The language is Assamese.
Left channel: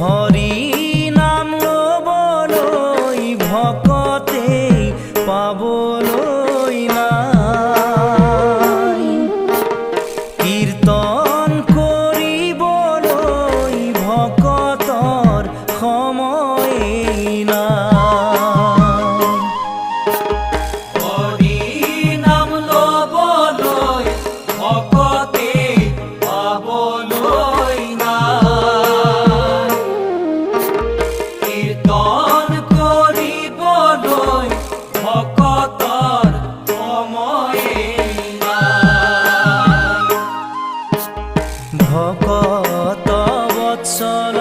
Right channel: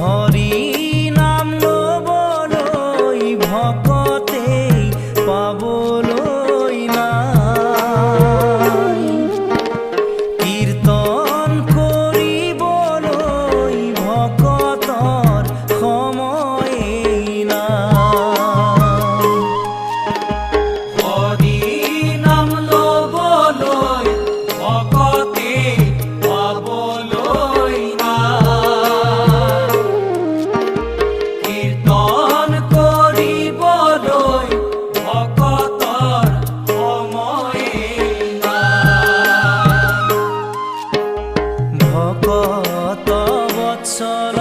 হৰি নাম লবলৈ ভকতে পাবলৈ নাই, কীৰ্তন কৰিবলৈ ভকতৰ সময়েই নাই। হৰি নাম লবলৈ ভকতে পাবলৈ নাই, কীৰ্তন কৰিবলৈ ভকতৰ সময়েই নাই। ভকত বৎসল